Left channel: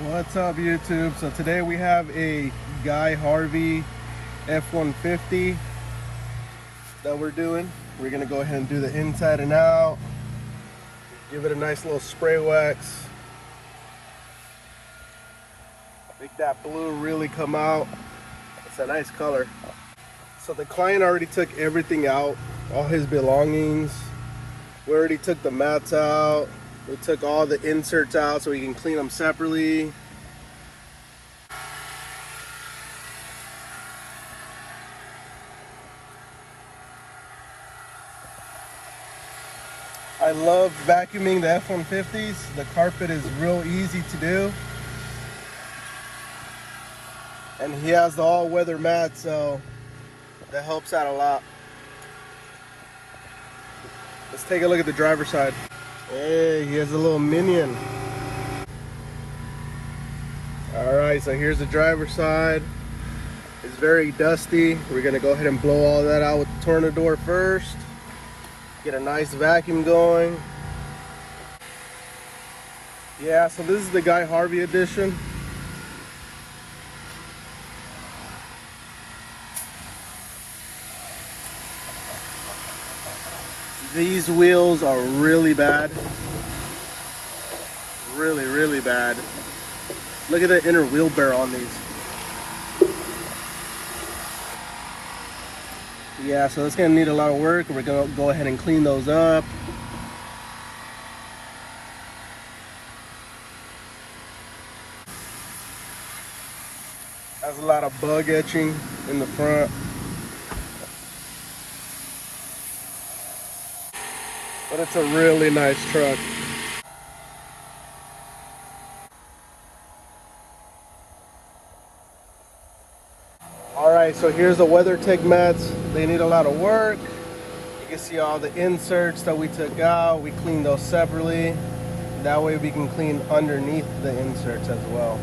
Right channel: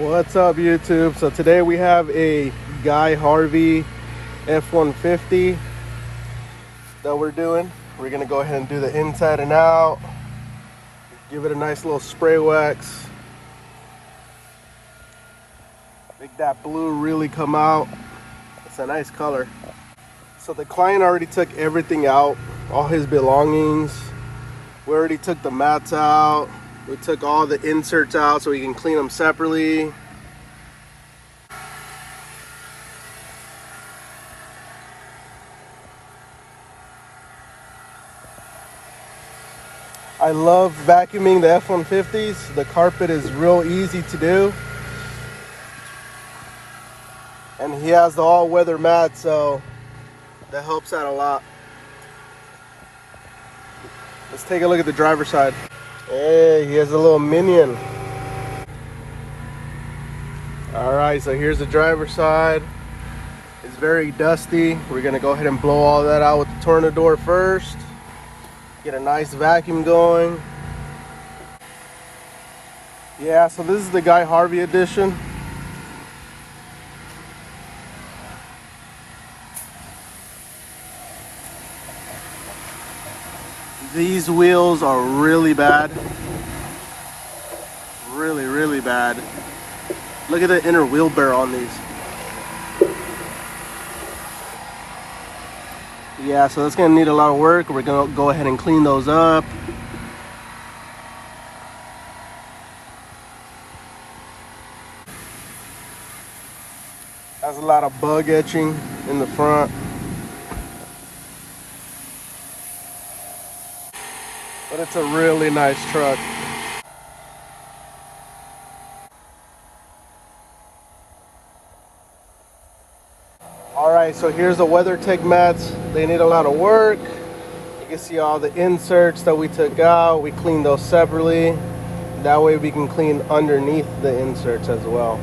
What's up, YouTube? So today we have a Harvey F-150 that we're doing. We're gonna go ahead and do the inside and out, give it a nice little spray wax, make that blue really come out. It's a nice color. So the client already took everything out, all his belongings. We already took the mats out. We took all the inserts out so we can clean them separately. I love vacuuming the F-150s. The carpet is real easy to do. And he has the all-weather mat, so that helps out a lot. Let's take a look at the driver's side. Hey, he has a little minion. Alright, so here's the driver's side. It's very dusty. We're gonna go ahead and blow all that out with the tornador first. Get a nice vacuum going. Yeah, so this is the Harvey edition. These wheels are really bad. Really bad. Look at the inner wheel bear on these. Yeah, so that's gonna need a lot of work. We're gonna go ahead and clean those up. Has a lot of bug etching in the front. But it's a really nice truck. Alright, so here's the WeatherTech mats. They need a lot of work. You can see all the inserts that we took out. We cleaned those separately. That way we can clean underneath the inserts as well.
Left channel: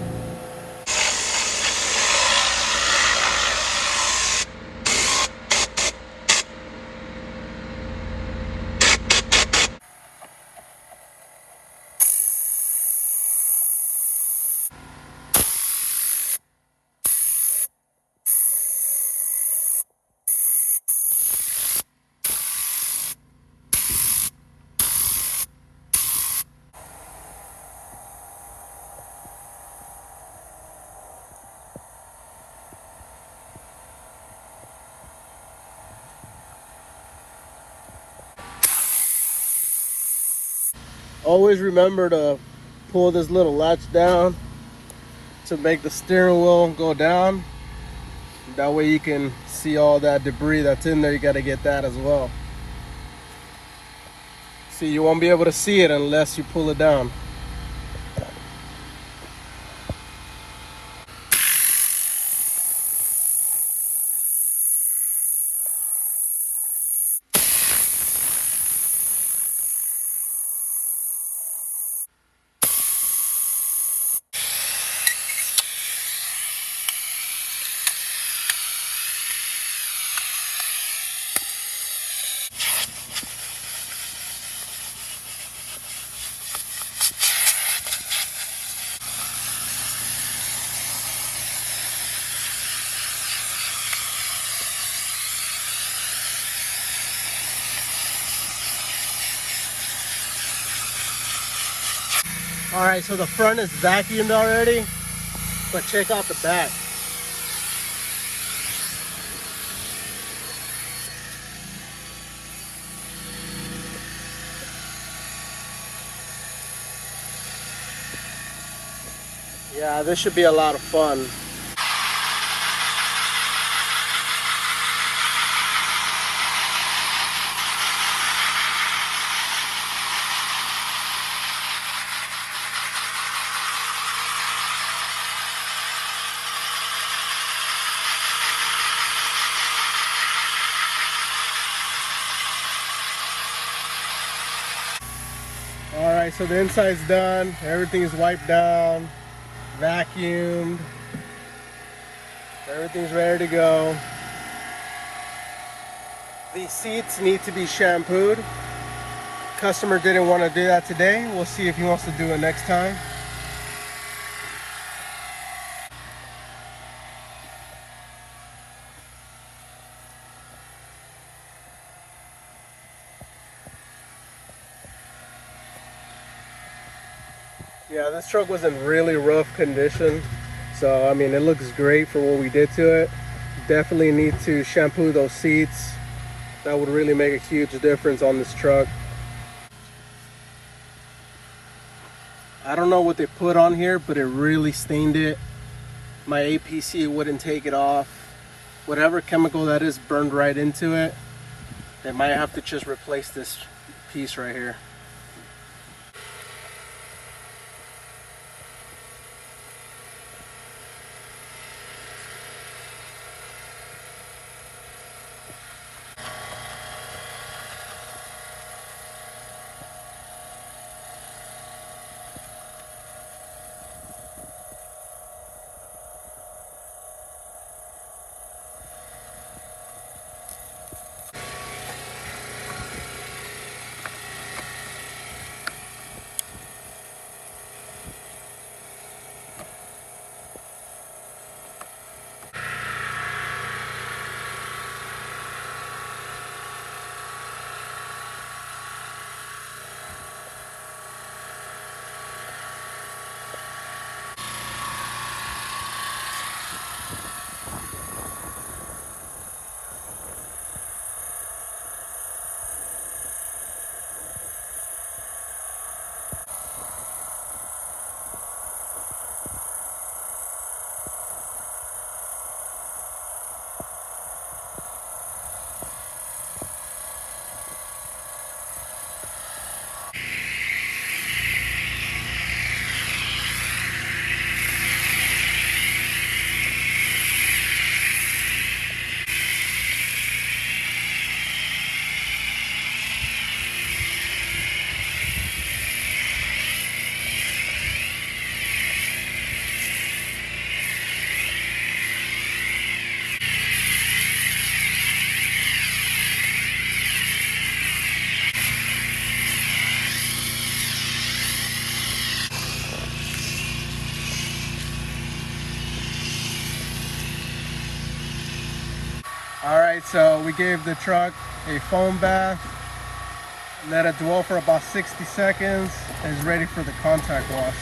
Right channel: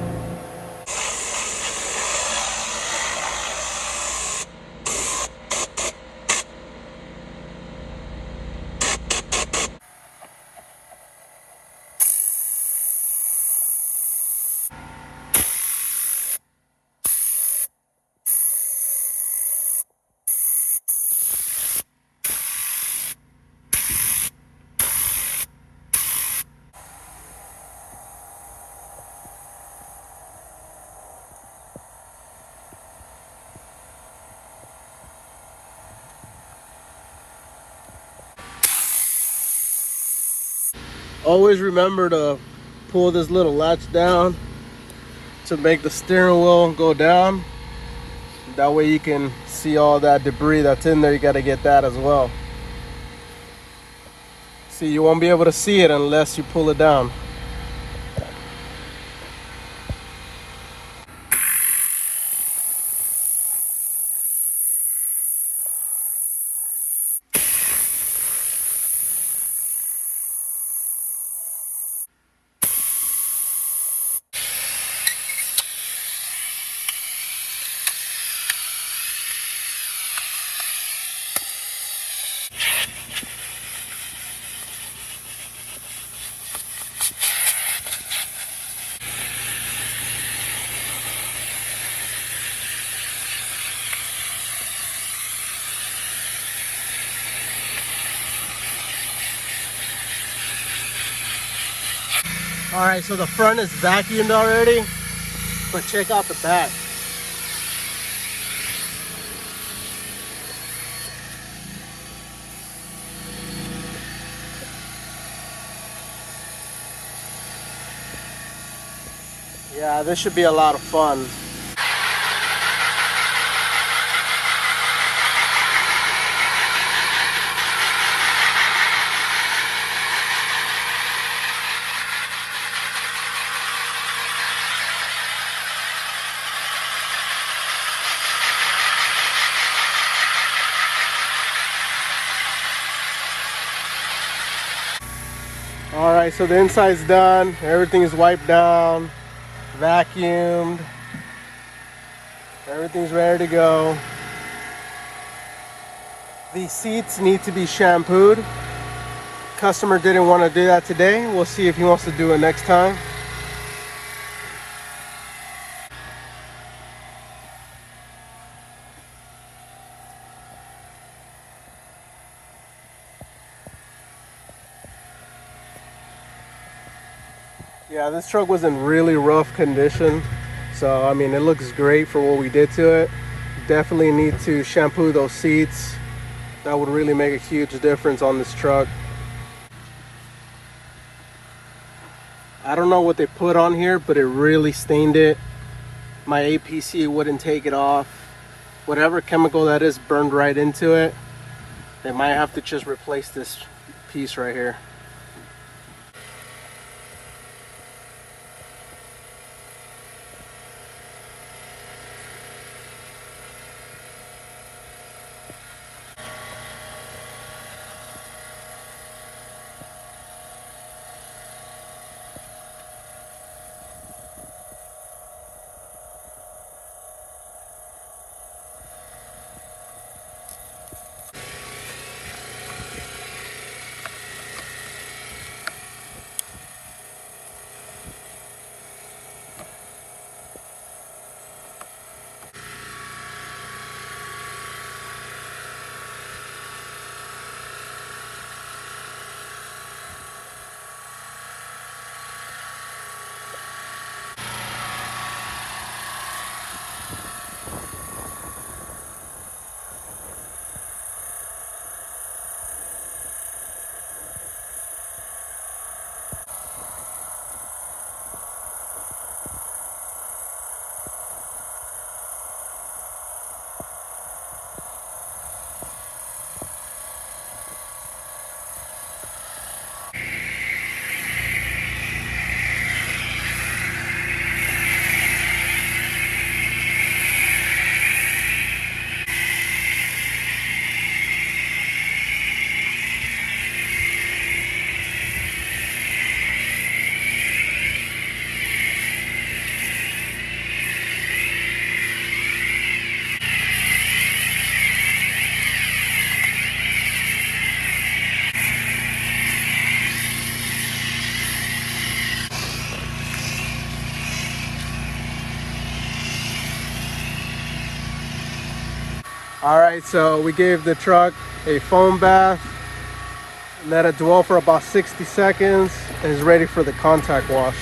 Always remember to pull this little latch down to make the steering wheel go down. That way you can see all that debris that's in there. You got to get that as well. See, you won't be able to see it unless you pull it down. Alright, so the front is vacuumed already, but check out the back. Yeah, this should be a lot of fun. Alright, so the inside's done. Everything is wiped down, vacuumed. Everything's ready to go. These seats need to be shampooed. Customer didn't want to do that today. We'll see if he wants to do it next time. Yeah, this truck was in really rough condition. So, I mean, it looks great for what we did to it. Definitely need to shampoo those seats. That would really make a huge difference on this truck. I don't know what they put on here, but it really stained it. My APC wouldn't take it off. Whatever chemical that is burned right into it. They might have to just replace this piece right here. All right, so we gave the truck a foam bath, let it dwell for about 60 seconds, and it's ready for the contact wash.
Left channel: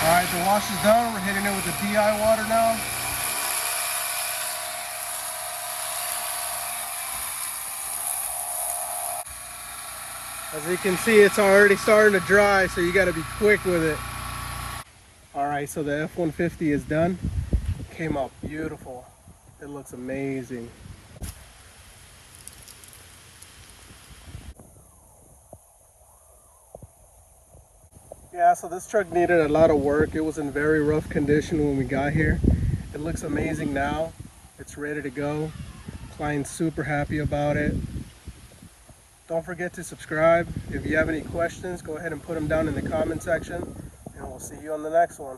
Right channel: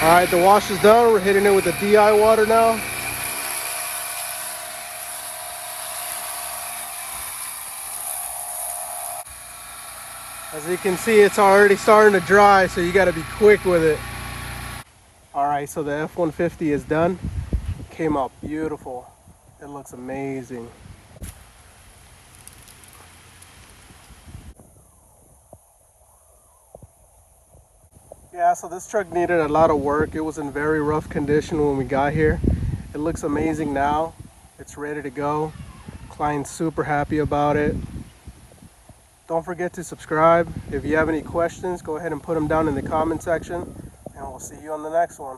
All right, the wash is done. We're hitting it with the DI water now. As you can see, it's already starting to dry, so you gotta be quick with it. All right, so the F-150 is done. Came out beautiful. It looks amazing. Yeah, so this truck needed a lot of work. It was in very rough condition when we got here. It looks amazing now. It's ready to go. Client's super happy about it. Don't forget to subscribe. If you have any questions, go ahead and put them down in the comment section, and we'll see you on the next one.